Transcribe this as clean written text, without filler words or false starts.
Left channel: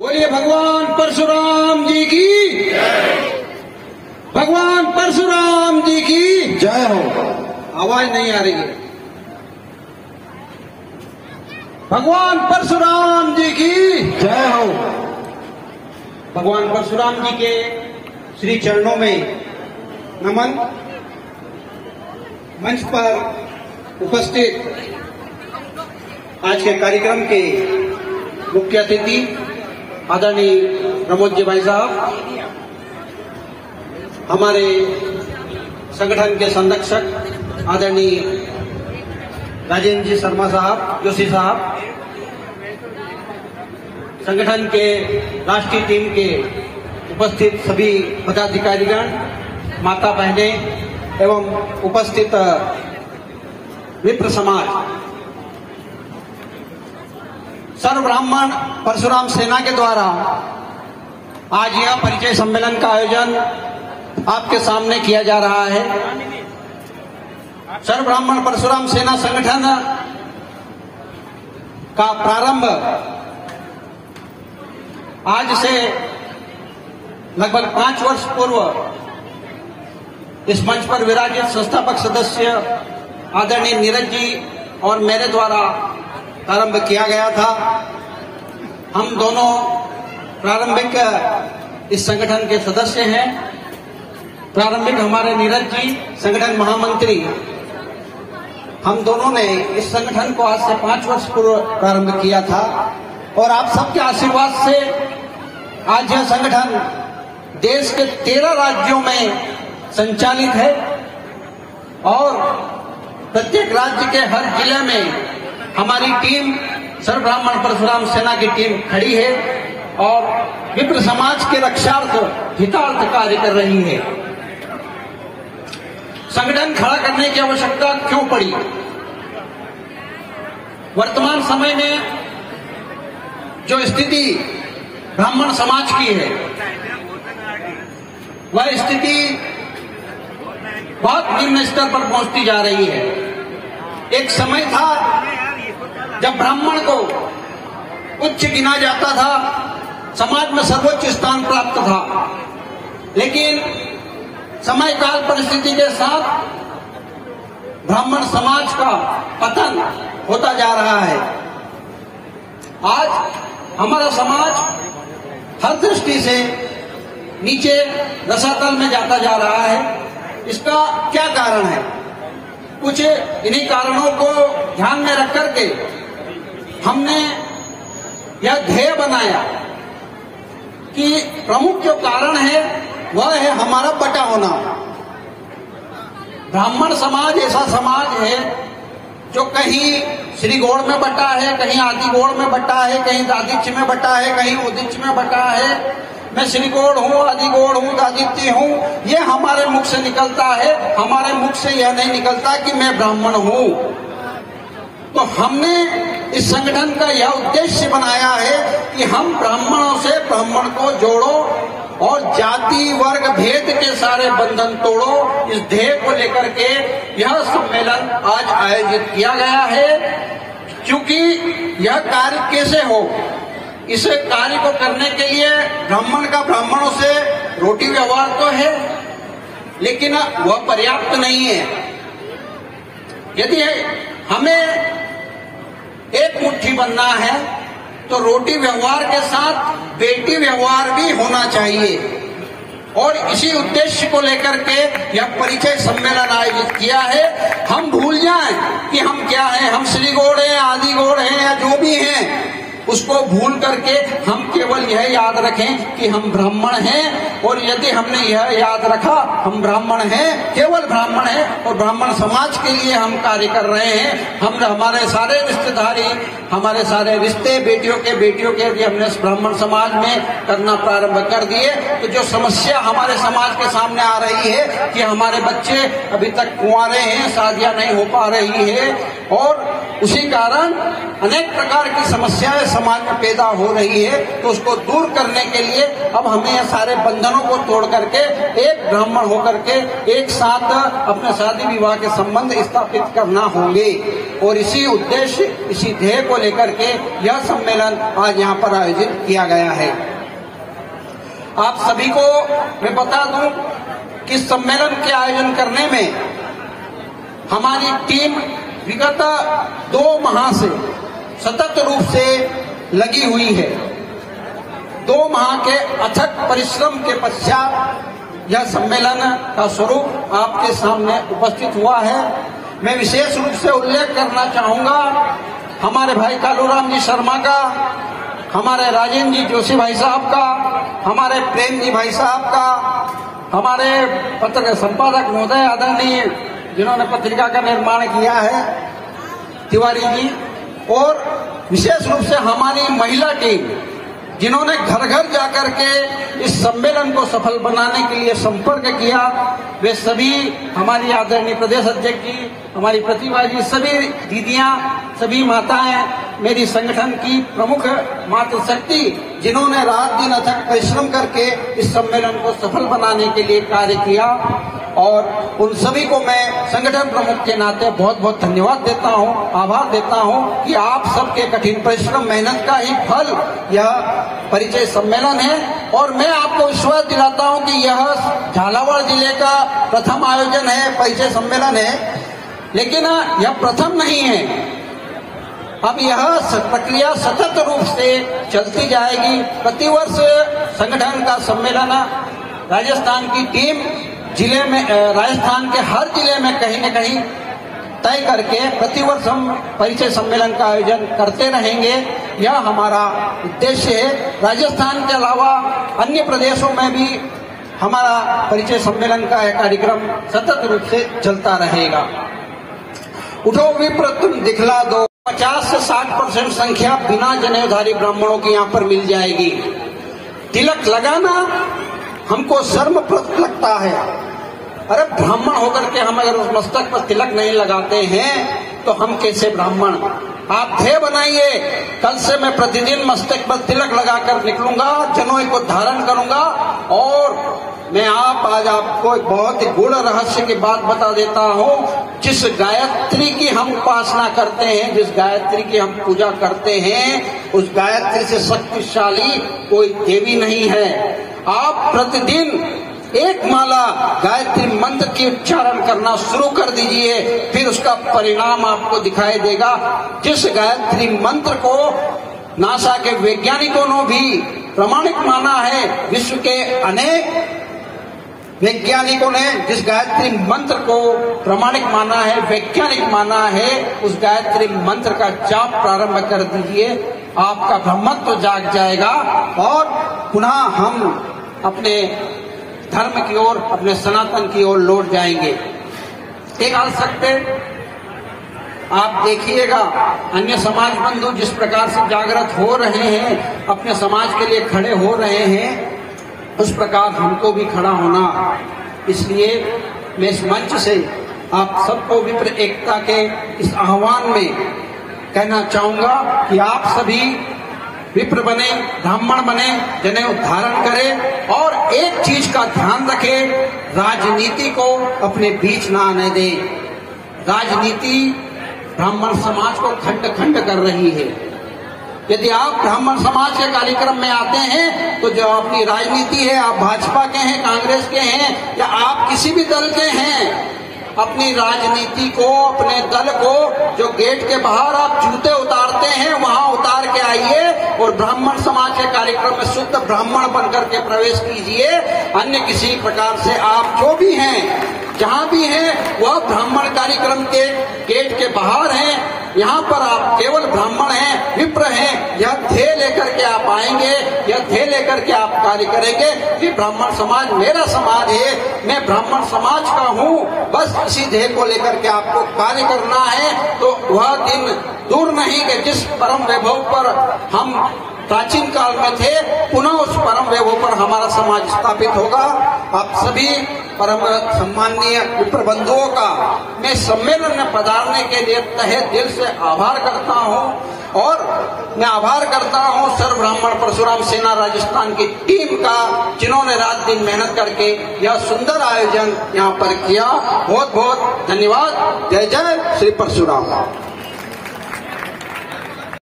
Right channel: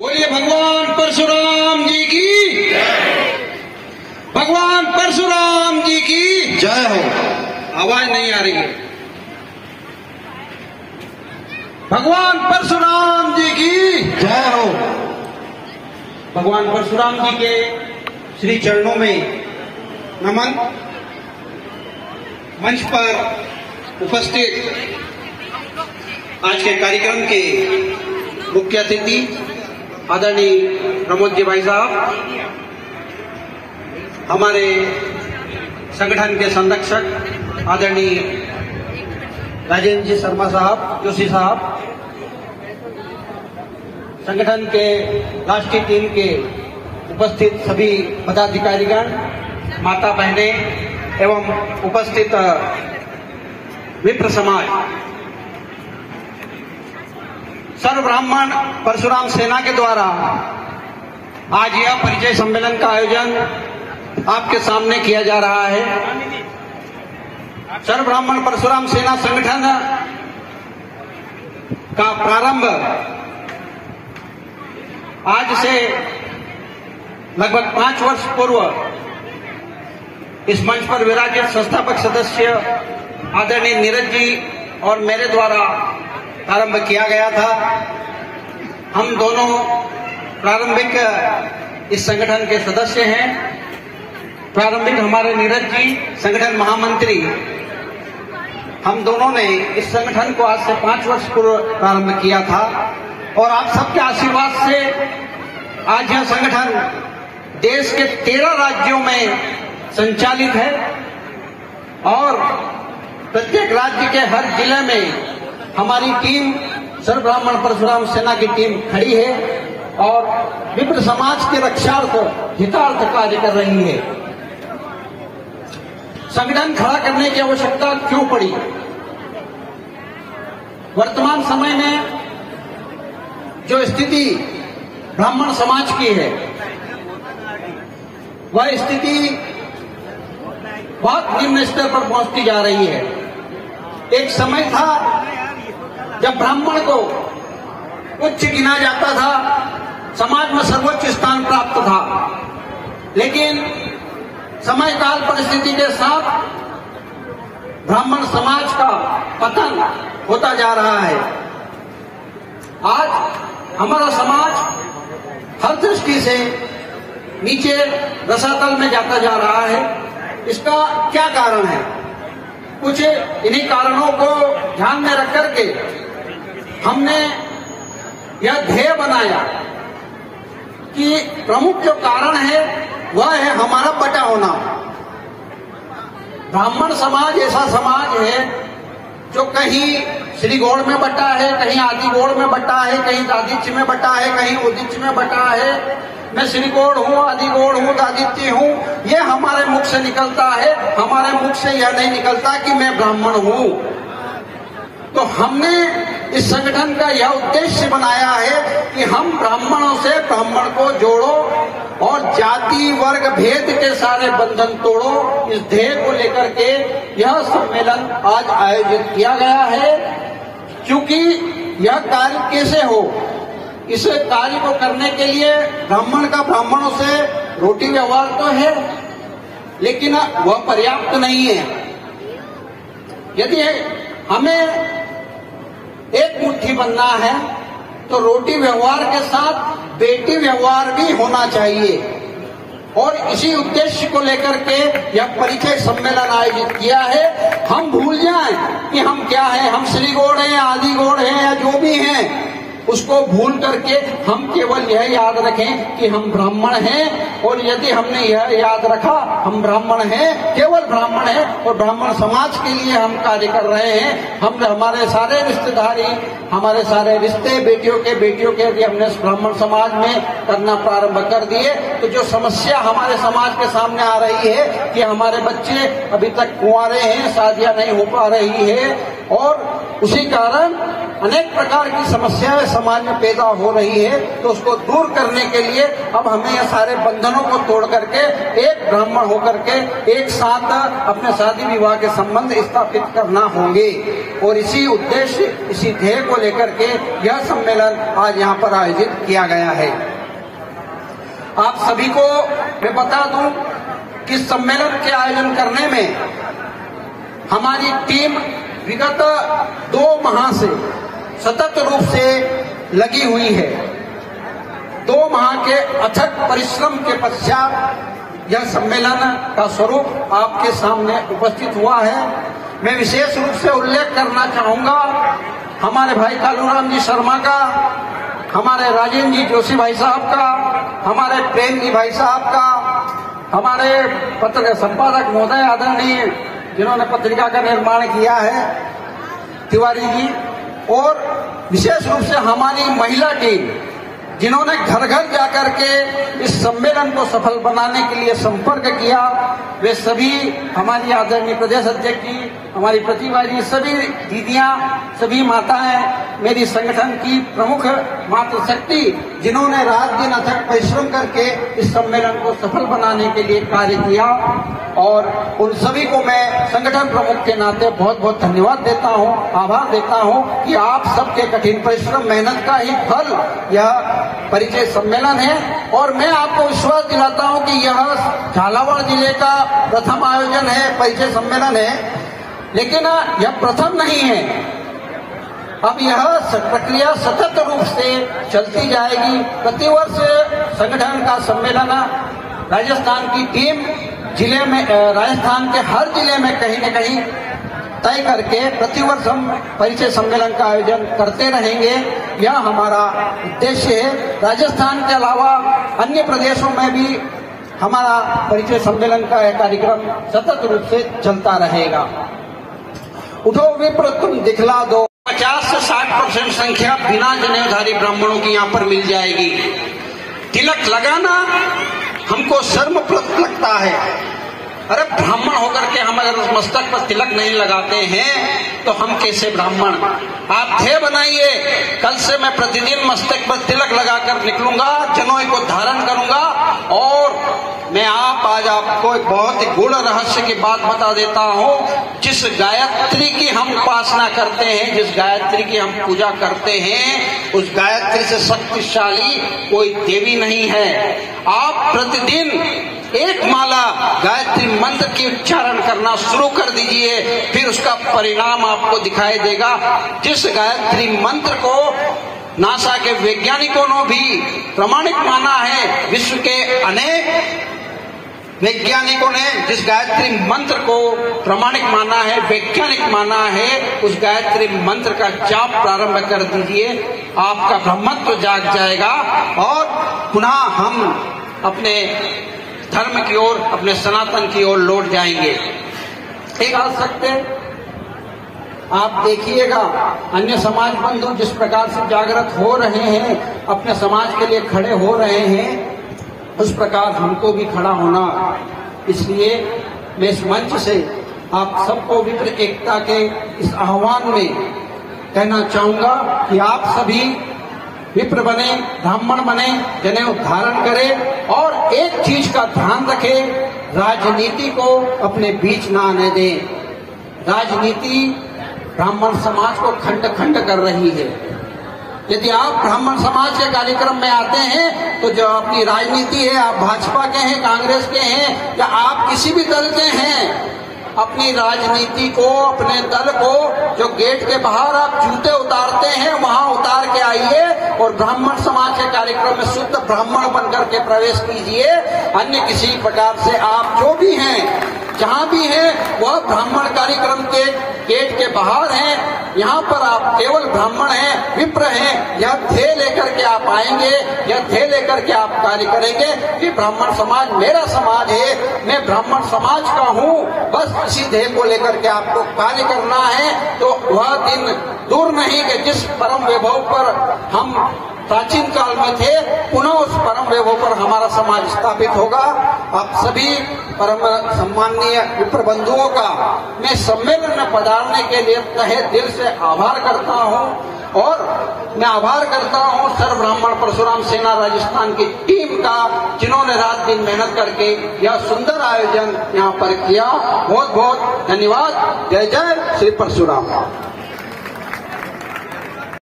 बोलिए भगवान परशुराम जी की, भगवान परशुराम जी की जय हो। आवाज नहीं आ रही है। भगवान परशुराम जी की जय हो। भगवान परशुराम जी के श्री चरणों में नमन। मंच पर उपस्थित आज के कार्यक्रम के मुख्य अतिथि आदरणीय प्रमोद जी भाई साहब, हमारे संगठन के संरक्षक आदरणीय राजेंद्र जी शर्मा साहब, जोशी साहब, संगठन के राष्ट्रीय टीम के उपस्थित सभी पदाधिकारीगण, माता बहनें एवं उपस्थित विप्र समाज, सर्व ब्राह्मण परशुराम सेना के द्वारा आज यह परिचय सम्मेलन का आयोजन आपके सामने किया जा रहा है। सर्व ब्राह्मण परशुराम सेना संगठन का प्रारंभ आज से लगभग 5 वर्ष पूर्व इस मंच पर विराजित संस्थापक सदस्य आदरणीय नीरज जी और मेरे द्वारा प्रारंभ किया गया था। हम दोनों प्रारंभिक इस संगठन के सदस्य हैं। प्रारंभिक हमारे नीरज जी संगठन महामंत्री, हम दोनों ने इस संगठन को आज से 5 वर्ष पूर्व प्रारंभ किया था और आप सबके आशीर्वाद से आज यह संगठन देश के 13 राज्यों में संचालित है और प्रत्येक राज्य के हर जिले में हमारी टीम सर्व ब्राह्मण परशुराम सेना की टीम खड़ी है और विप्र समाज के रक्षार्थ हितार्थ कार्य कर रही है। संगठन खड़ा करने की आवश्यकता क्यों पड़ी? वर्तमान समय में जो स्थिति ब्राह्मण समाज की है, वह स्थिति बहुत निम्न स्तर पर पहुंचती जा रही है। एक समय था जब ब्राह्मण को उच्च गिना जाता था, समाज में सर्वोच्च स्थान प्राप्त था, लेकिन समय काल परिस्थिति के साथ ब्राह्मण समाज का पतन होता जा रहा है। आज हमारा समाज हर दृष्टि से नीचे रसातल में जाता जा रहा है। इसका क्या कारण है? कुछ इन्हीं कारणों को ध्यान में रख करके हमने यह ध्येय बनाया कि प्रमुख जो कारण है वह है हमारा बटा होना। ब्राह्मण समाज ऐसा समाज है जो कहीं श्रीगौड़ में बटा है, कहीं आदिगौड़ में बटा है, कहीं दादिच्य में बटा है, कहीं उदिच्य में बटा है। मैं श्रीगौड़ हूँ, आदिगौड़ हूँ, दादित्य हूँ, यह हमारे मुख से निकलता है। हमारे मुख से यह नहीं निकलता कि मैं ब्राह्मण हूँ। तो हमने इस संगठन का यह उद्देश्य बनाया है कि हम ब्राह्मणों से ब्राह्मण को जोड़ो और जाति वर्ग भेद के सारे बंधन तोड़ो। इस ध्येय को लेकर के यह सम्मेलन आज आयोजित किया गया है। क्योंकि यह कार्य कैसे हो, इस कार्य को करने के लिए ब्राह्मण का ब्राह्मणों से रोटी व्यवहार तो है, लेकिन वह पर्याप्त नहीं है। यदि हमें एक मुट्ठी बनना है तो रोटी व्यवहार के साथ बेटी व्यवहार भी होना चाहिए। और इसी उद्देश्य को लेकर के यह परिचय सम्मेलन आयोजित किया है। हम भूल जाएं कि हम क्या हैं, हम श्रीगौड़ हैं, आदिगौड़ हैं या जो भी हैं, उसको भूल करके हम केवल यह याद रखें कि हम ब्राह्मण हैं। और यदि हमने यह याद रखा हम ब्राह्मण हैं, केवल ब्राह्मण हैं और ब्राह्मण समाज के लिए हम कार्य कर रहे हैं, हम हमारे सारे रिश्तेदारी, हमारे सारे रिश्ते बेटियों के यदि हमने ब्राह्मण समाज में करना प्रारंभ कर दिए, तो जो समस्या हमारे समाज के सामने आ रही है कि हमारे बच्चे अभी तक कुंवारे हैं, शादियां नहीं हो पा रही है और इसी कारण अनेक प्रकार की समस्याएं समाज में पैदा हो रही है, तो उसको दूर करने के लिए अब हमें ये सारे बंधनों को तोड़ करके एक ब्राह्मण होकर के एक साथ अपने शादी विवाह के संबंध स्थापित करना होंगे। और इसी उद्देश्य, इसी ध्येय को लेकर के यह सम्मेलन आज यहाँ पर आयोजित किया गया है। आप सभी को मैं बता दूं कि सम्मेलन के आयोजन करने में हमारी टीम विगत 2 माह से सतत रूप से लगी हुई है। 2 माह के अथक परिश्रम के पश्चात यह सम्मेलन का स्वरूप आपके सामने उपस्थित हुआ है। मैं विशेष रूप से उल्लेख करना चाहूंगा हमारे भाई कालूराम जी शर्मा का, हमारे राजेंद्र जी जोशी भाई साहब का, हमारे प्रेम जी भाई साहब का, हमारे पत्र संपादक महोदय आदरणीय जिन्होंने पत्रिका का निर्माण किया है तिवारी जी, और विशेष रूप से हमारी महिला टीम जिन्होंने घर घर जाकर के इस सम्मेलन को सफल बनाने के लिए संपर्क किया, वे सभी हमारी आदरणीय प्रदेश अध्यक्ष जी, हमारी प्रतिभा जी, सभी दीदियां, सभी माताएं, मेरी संगठन की प्रमुख मातृशक्ति जिन्होंने रात दिन अथक परिश्रम करके इस सम्मेलन को सफल बनाने के लिए कार्य किया, और उन सभी को मैं संगठन प्रमुख के नाते बहुत बहुत धन्यवाद देता हूं, आभार देता हूं कि आप सबके कठिन परिश्रम मेहनत का ही फल यह परिचय सम्मेलन है। और मैं आपको विश्वास दिलाता हूं कि यह झालावाड़ जिले का प्रथम आयोजन है, परिचय सम्मेलन है, लेकिन यह प्रथम नहीं है। अब यह प्रक्रिया सतत रूप से चलती जाएगी। प्रतिवर्ष संगठन का सम्मेलन राजस्थान की टीम जिले में, राजस्थान के हर जिले में कहीं न कहीं तय करके प्रतिवर्ष हम परिचय सम्मेलन का आयोजन करते रहेंगे। यह हमारा उद्देश्य है। राजस्थान के अलावा अन्य प्रदेशों में भी हमारा परिचय सम्मेलन का यह कार्यक्रम सतत रूप से चलता रहेगा। उठो विप्र तुम दिखला दो, 50 से 60% संख्या बिना जनेऊधारी ब्राह्मणों की यहाँ पर मिल जाएगी। तिलक लगाना हमको शर्मप्रद लगता है। अरे ब्राह्मण होकर के हम अगर मस्तक पर तिलक नहीं लगाते हैं तो हम कैसे ब्राह्मण? आप ध्येय बनाइए, कल से मैं प्रतिदिन मस्तक पर तिलक लगाकर निकलूंगा, जनेऊ को धारण करूंगा। और मैं आज आपको एक बहुत ही गूढ़ रहस्य की बात बता देता हूँ। जिस गायत्री की हम उपासना करते हैं, जिस गायत्री की हम पूजा करते हैं, उस गायत्री से शक्तिशाली कोई देवी नहीं है। आप प्रतिदिन एक माला गायत्री मंत्र की उच्चारण करना शुरू कर दीजिए, फिर उसका परिणाम आपको दिखाई देगा। जिस गायत्री मंत्र को नासा के वैज्ञानिकों ने भी प्रमाणिक माना है, विश्व के अनेक वैज्ञानिकों ने जिस गायत्री मंत्र को प्रमाणिक माना है, वैज्ञानिक माना है, उस गायत्री मंत्र का जाप प्रारंभ कर दीजिए, आपका ब्रह्मत्व जाग जाएगा और पुनः हम अपने धर्म की ओर, अपने सनातन की ओर लौट जाएंगे। एक हाल सकते आप देखिएगा अन्य समाज बंधु जिस प्रकार से जागृत हो रहे हैं, अपने समाज के लिए खड़े हो रहे हैं, उस प्रकार हमको भी खड़ा होना। इसलिए मैं इस मंच से आप सबको विप्र एकता के इस आह्वान में कहना चाहूंगा कि आप सभी विप्र बने, ब्राह्मण बने, जनेऊ धारण करें और एक चीज का ध्यान रखें, राजनीति को अपने बीच न आने दें। राजनीति ब्राह्मण समाज को खंड खंड कर रही है। यदि आप ब्राह्मण समाज के कार्यक्रम में आते हैं तो जो अपनी राजनीति है, आप भाजपा के हैं, कांग्रेस के हैं या आप किसी भी दल के हैं, अपनी राजनीति को, अपने दल को जो गेट के बाहर आप जूते उतारते हैं वहां उतार के आइए और ब्राह्मण समाज के कार्यक्रम में शुद्ध ब्राह्मण बनकर के प्रवेश कीजिए। अन्य किसी प्रकार से आप जो भी हैं, जहां भी हैं, वह ब्राह्मण कार्यक्रम के गेट के बाहर हैं। यहाँ पर आप केवल ब्राह्मण हैं, विप्र हैं, यह ध्येय लेकर के आप आएंगे, यह ध्येय लेकर के आप कार्य करेंगे कि ब्राह्मण समाज मेरा समाज है, मैं ब्राह्मण समाज का हूँ, बस इसी ध्येय को लेकर के आपको कार्य करना है। तो वह दिन दूर नहीं कि जिस परम वैभव पर हम प्राचीन काल में थे, पुनः उस परम कर्तव्यों पर हमारा समाज स्थापित होगा। आप सभी परम सम्माननीय मित्र बंधुओं का मैं सम्मेलन में पधारने के लिए तहे दिल से आभार करता हूं और मैं आभार करता हूं सर्व ब्राह्मण परशुराम सेना राजस्थान की टीम का, जिन्होंने रात दिन मेहनत करके यह सुंदर आयोजन यहां पर किया। बहुत बहुत धन्यवाद। जय जय श्री परशुराम।